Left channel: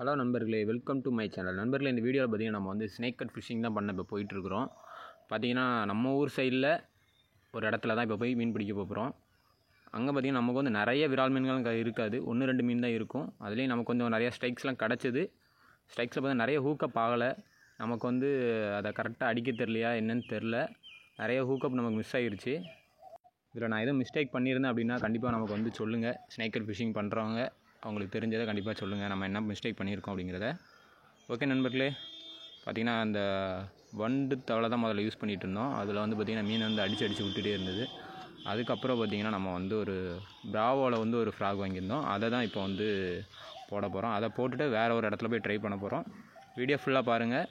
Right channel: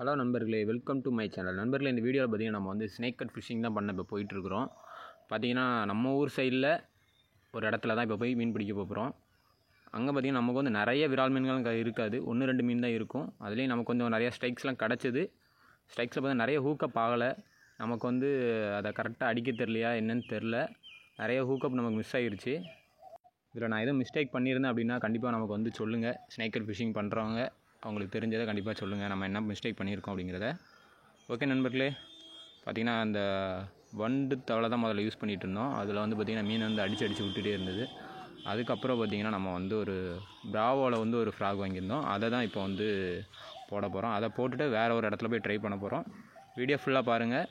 Hello நண்பர்களே, welcome to my channel. நண்பர்களே, இந்த வீடியோவில் பார்த்தீங்கன்னா நம்ம வந்து ஸ்னேக் கட் ஃபிஷிங் தான் பண்ண இப்போ போயிட்டுருக்குறோம். பார்த்தீங்கன்னா நம்ம ஊர் சைடில் ஒரு இடத்துல தான் இப்போ போய் மீன் பிடிக்க போகிறோம். அங்கே பார்த்தீங்கன்னா நமக்கு வந்து நிறைய விரால் மீன்கள் இருக்காது, 1-2 மீன் தான் இருக்கும். அதுலேயும் நமக்கு கொஞ்சம் நிறைய ஸ்ட்ரைக்ஸ்லாம் கிடச்சிது. ஸ்ட்ரைக்ஸில் பார்த்தா நிறைய ஹூக்கப் ஆகலை. நமக்கு வந்து அதை கரெக்டாக அடிக்க தெரியலையா என்னன்னு தெரில, நிறைய ஹூக்கப் நமக்கு மிஸ் ஆகிருச்சு. இதில் நான் எதுவும் மிஸ்டேக் பண்ணியிருந்தேன் அப்படின்னா கண்டிப்பாக நமக்கு வந்து சொல்லுங்கள். ஸ்னேக் கட் ஃபிஷிங் பண்ணுறவங்க அவங்களுக்கு தெரிஞ்சதை கண்டிப்பாக சொல்லுங்கள், நம்ம என்ன மிஸ்டேக் பண்ணியிருக்கோம் அப்படிங்கிறத. ஓகே நண்பர்களே, பார்த்திங்கன்னா அந்த வண்டு தவளை தான் முதல்ல யூஸ் பண்ணிகிட்டு இருந்தோம். அதில் வந்து பார்த்திங்கன்னா மீன் வந்து அடித்து விட்டுகிட்டே இருந்தது. அதுக்கப்புறம் பார்த்திங்கன்னா நம்ம வந்து ஒரு பிராவோவில் வந்து ஒரு ஃப்ராக் வாங்கியிருந்தோம். அதை தான் இப்போ வந்து போட போகிறோம். அதை போட்டுட்டு வேறு ஒரு இடத்துல போய் ட்ரை பண்ண போகிறோம். வீடியோ ஃபுல்லாக பாருங்கள்.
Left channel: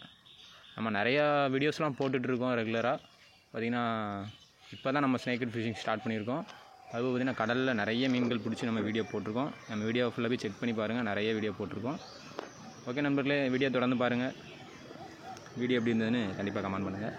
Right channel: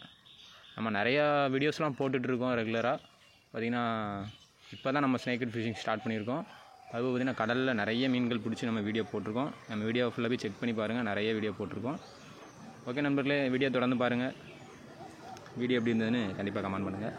நம்ம நிறையா வீடியோஸ்லாம் போட்டுட்ருக்கோம் ரெகுலராக. பார்த்திங்கன்னா இப்போ தான் நம்ம ஸ்னேக் கட் ஃபிஷிங் ஸ்டார்ட் பண்ணியிருக்கோம். அது பார்த்திங்கன்னா கடலில் நிறைய மீன்கள் பிடிச்சி நம்ம வீடியோ போட்டிருக்கோம். நம்ம வீடியோ ஃபுல்லாக போய் செக் பண்ணி பாருங்கள், நிறைய வீடியோ போட்டிருக்கோம். ஓகே நண்பர்களே, வீடியோ தொடர்ந்து பாருங்கள். வீடியோ எப்படி இருந்ததுன்னு கண்டிப்பாக கமெண்ட் பண்ணுங்கள்.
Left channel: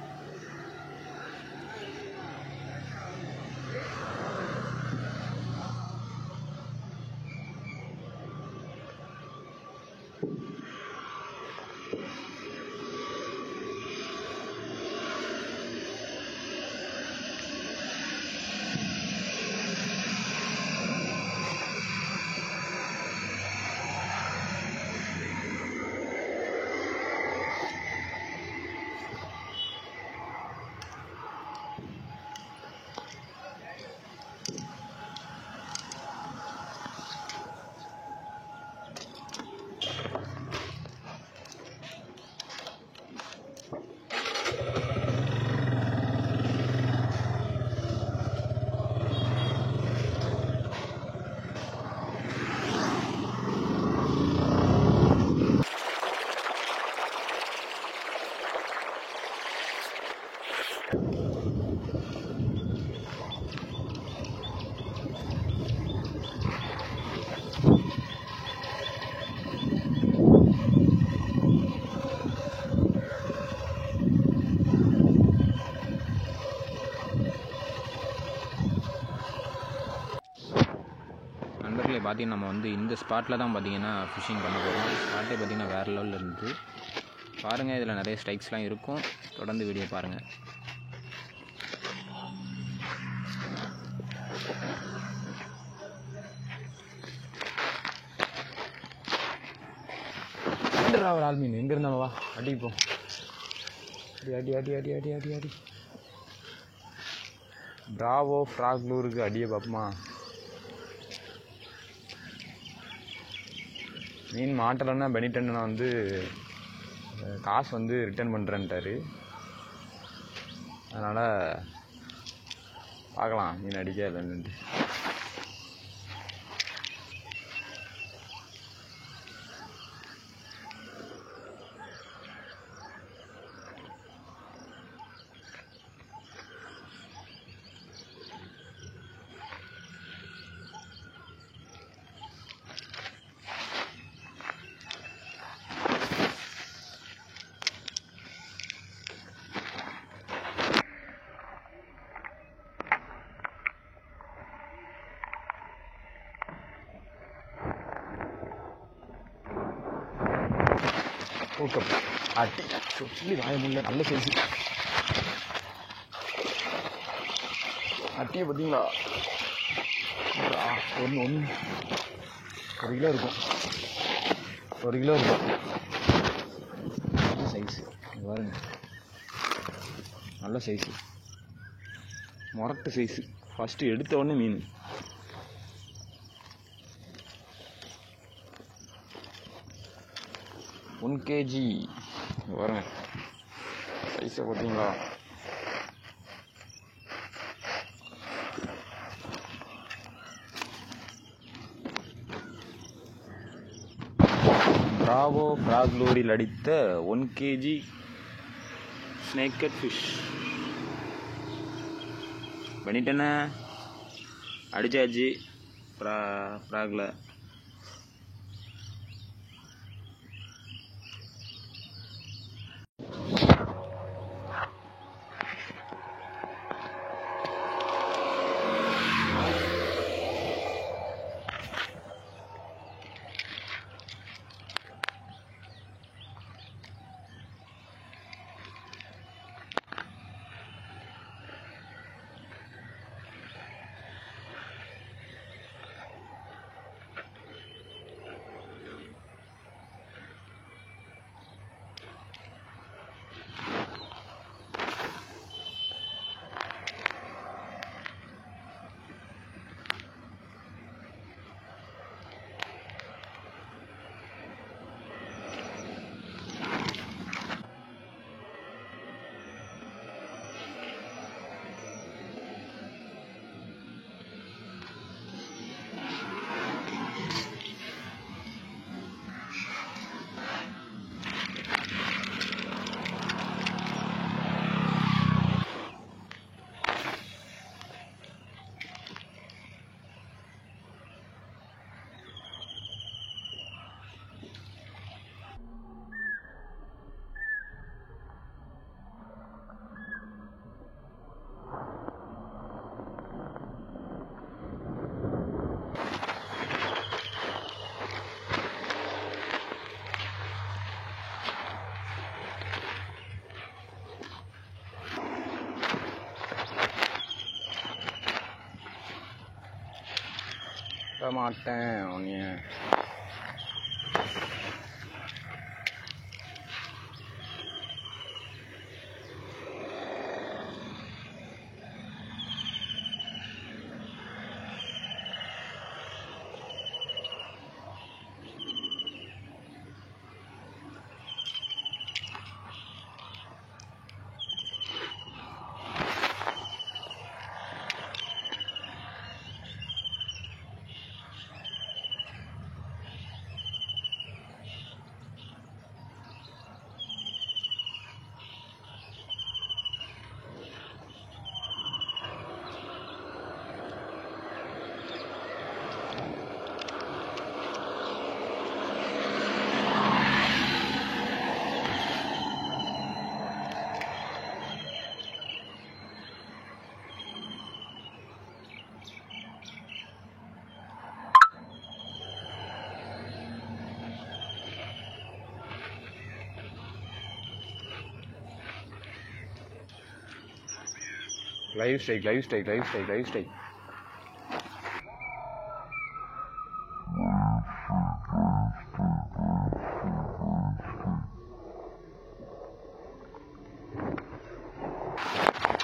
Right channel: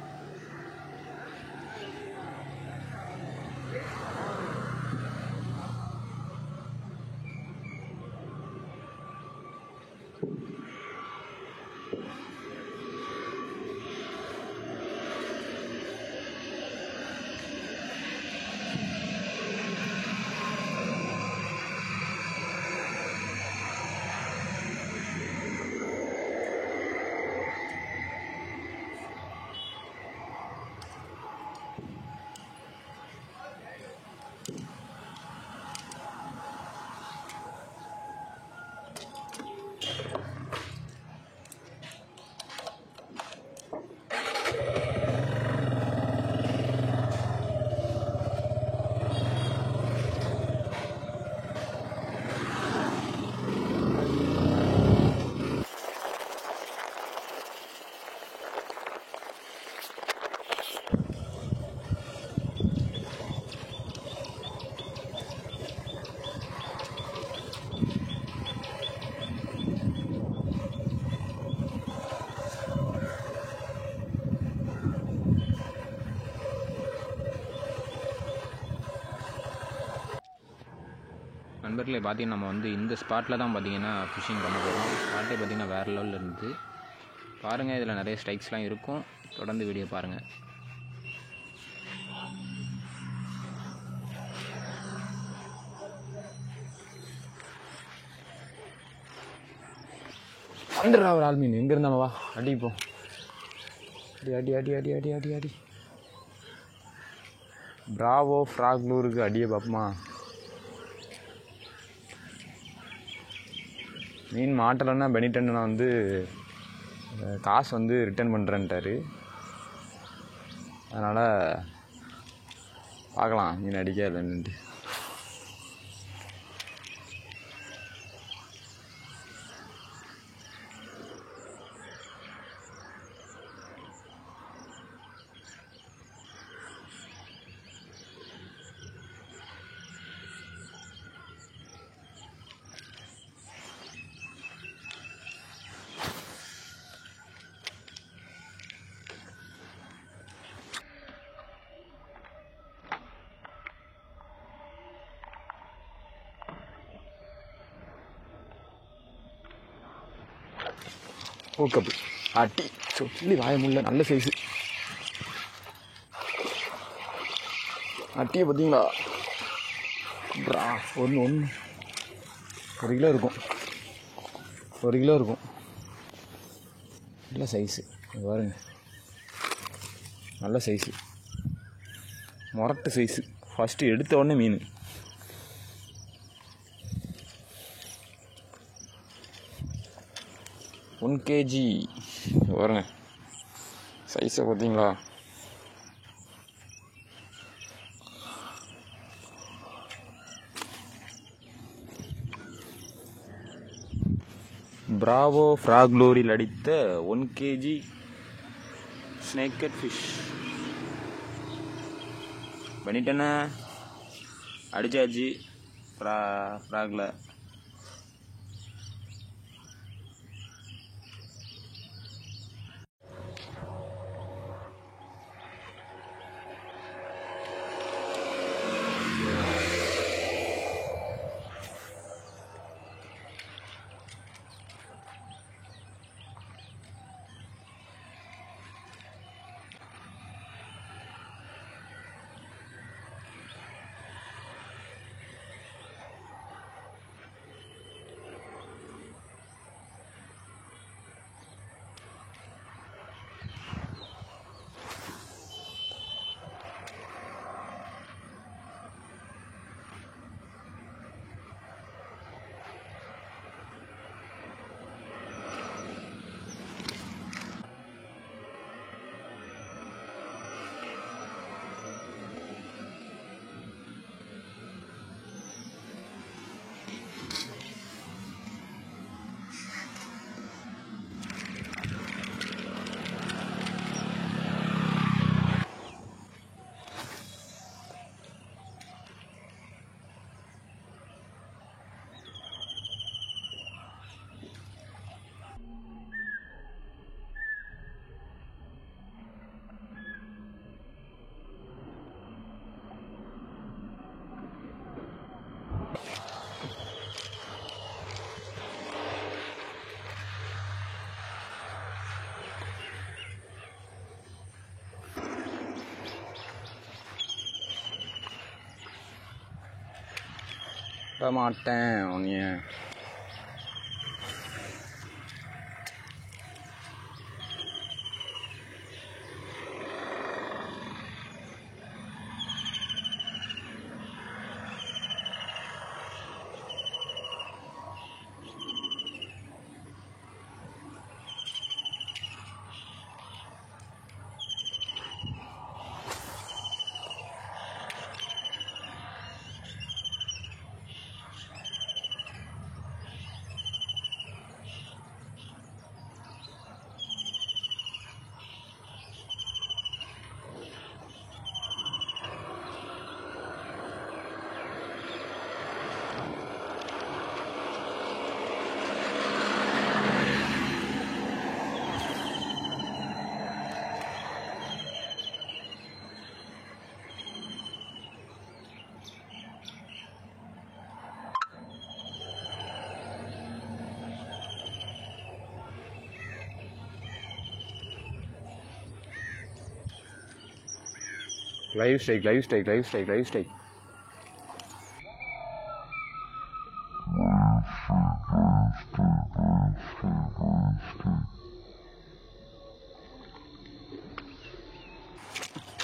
நண்பர்களே, பார்த்திங்கன்னா நம்ம வந்து இந்த ஸ்பாட்டில் தான் பார்த்திங்கன்னா ஃபிஷிங் பண்ண போகிறோம். ஸ்பாட்டே பார்த்திங்கன்னா வேறு லெவலில் இருந்துச்சு. பாருங்கள், இதில் நிறைய ஸ்ட்ரைக்ஸ்லாம் இருக்கும். தொடர்ந்து வீடியோ பாருங்கள். ஒரு ஆள் மீன் எங்கே இருந்தாலும் வா, அடிப்போம். அடி அடி அடி அடி அடி அடி அடி பிராவோ ஃப்ராக் லூருக்கு அடியே பார்ப்போமா. மீன் மாட்டலைன்னா பெனிட்டன் வந்து காசு வந்து ரிட்டர்ன் பண்ணுறேன்ட்டார். அதனால் பார்க்கலாம் மீன் அடிக்க இல்லைன்ட்டு. ஓகே, அட்டி சொல்லி வாயமில்லை, நல்ல சைஸு அட்டியை பார்த்தீங்களா. ஒன்று 1 கிலோ இருக்கும், 1 கிலோ இருக்கும். நல்ல சைஸு பாருங்க, நல்ல சைஸு, மொரட்டு சைஸு. ஃபஸ்ட்டு எடுத்த உடனே மீன். ஒன் கேஜி பாருங்க, சைஸை பார்த்தீங்களா. பிராவோ ஃப்ராக் லூரில் அடித்த 1 kg ஸ்னேக் கட் ஃபிஷ். பண்ணிட்டேன்னா அடிச்சாச்சு ஃப்ராகில். மாட்டேன் உன்னைய. Live strike.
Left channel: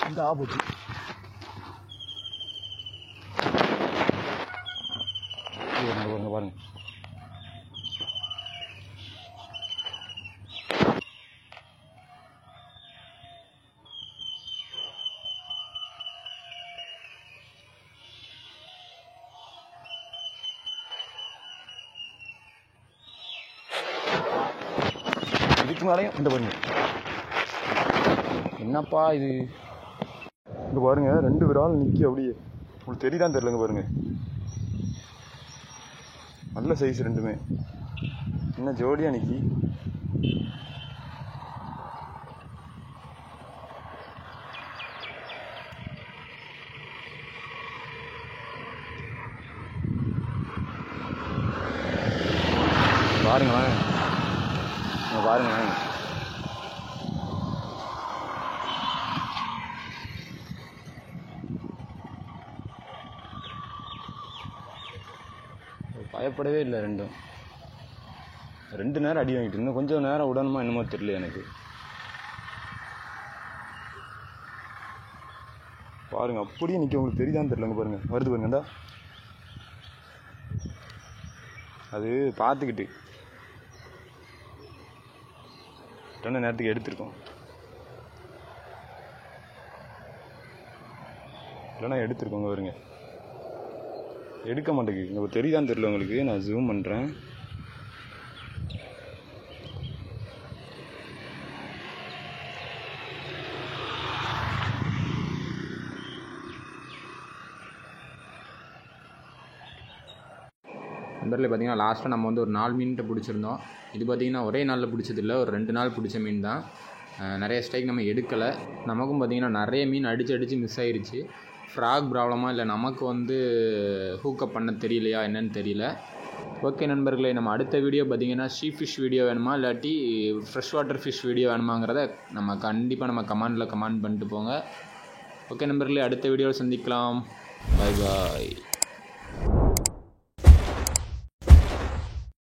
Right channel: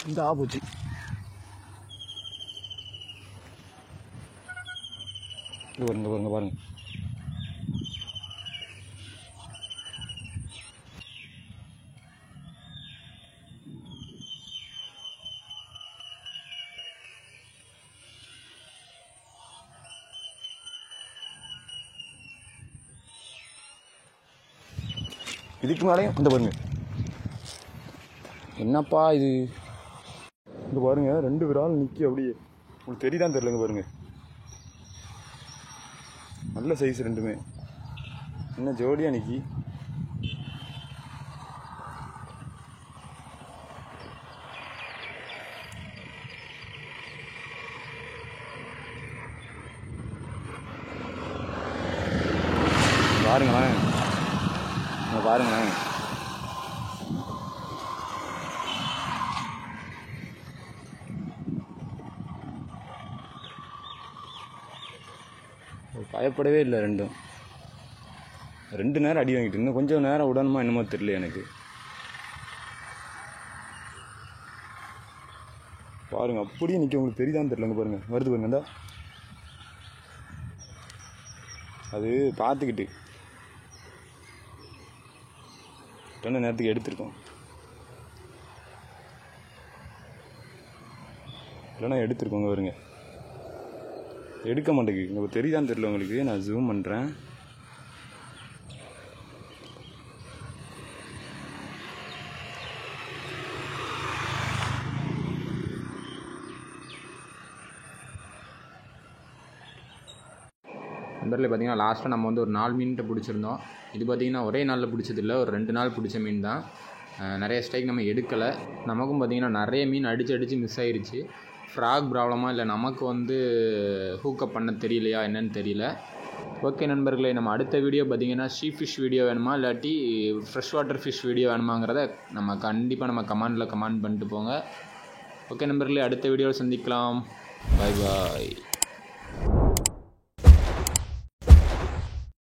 இந்த ஆபத்து பாருங்க. இதுக்கு மேலே இந்த பாருங்க, என்னப்பா இது? இந்த பாருங்க, 2 விரால் நிற்கி அப்படியே. உங்களுக்கு தெரியுதான் தெரிலங்க பாருங்க, நல்ல சைஸ் ரெண்டுமே. என்ன ஜோடியாக நிற்கி. பாருங்களேன். பயப்படவே இல்லை. 2 நேரம் அடி வாங்கிட்டு, இன்னும் கொஞ்சம் நேரம் விடணுமா என்னமோ தெரியல எனக்கு. பாருங்க, அப்படியே நிற்க. உங்களுக்கு தெரியுதான்னு தெரியலங்க பாருங்க, வருது பாருங்க. அது பார்த்துக்கிட்டு டன்னு நேரத்துக்கு எடுத்துருக்கோம். இல்லைன்னா எடுத்துருக்கோங்க பாருங்க. எடுக்க மாட்டேங்குது. உங்களுக்கு தெரியுதான்னு தெரியல உங்களுக்கு. நான் ஜூம் பண்ணுறேன். நண்பர்களே, பார்த்திங்கன்னா லாஸ்ட்டாக நம்ம வந்து ஒரு 4 மீன்கிட்ட பிடிச்சிருந்தோம். இது பார்த்திங்கன்னா ஒரே நாளில் பிடிச்சதில்லை, ஒரு 2 நாள் பிடிச்ச மீன் தான். நிறைய ஸ்ட்ரைக் நம்ம எடுக்கலை. நமக்கும் பார்த்திங்கன்னா நிறைய மீன் அடித்து மிஸ் ஆகிருச்சு. ஃப்ராக் ப்ராப்ளமாக இல்லை நமக்கு வந்து ஹூக்கப் பண்ண தெரியலையா என்னன்னு தெரியல. ஓகே நண்பர்களே, நம்ம அடுத்த வீடியோ பார்த்திங்கன்னா ஷீ ஃபிஷ் வீடியோ வேணுமா இல்லாட்டி ஃப்ரெஷ் வாட்டர் ஃபிஷ் வீடியோ வேணுமாங்கிறத நம்ம கண்டிப்பாக கமெண்ட் பண்ணிட்டு போங்க. ஓகே நண்பர்களே, அடுத்த வீடியோவில் சந்திக்கலாம். பாய்.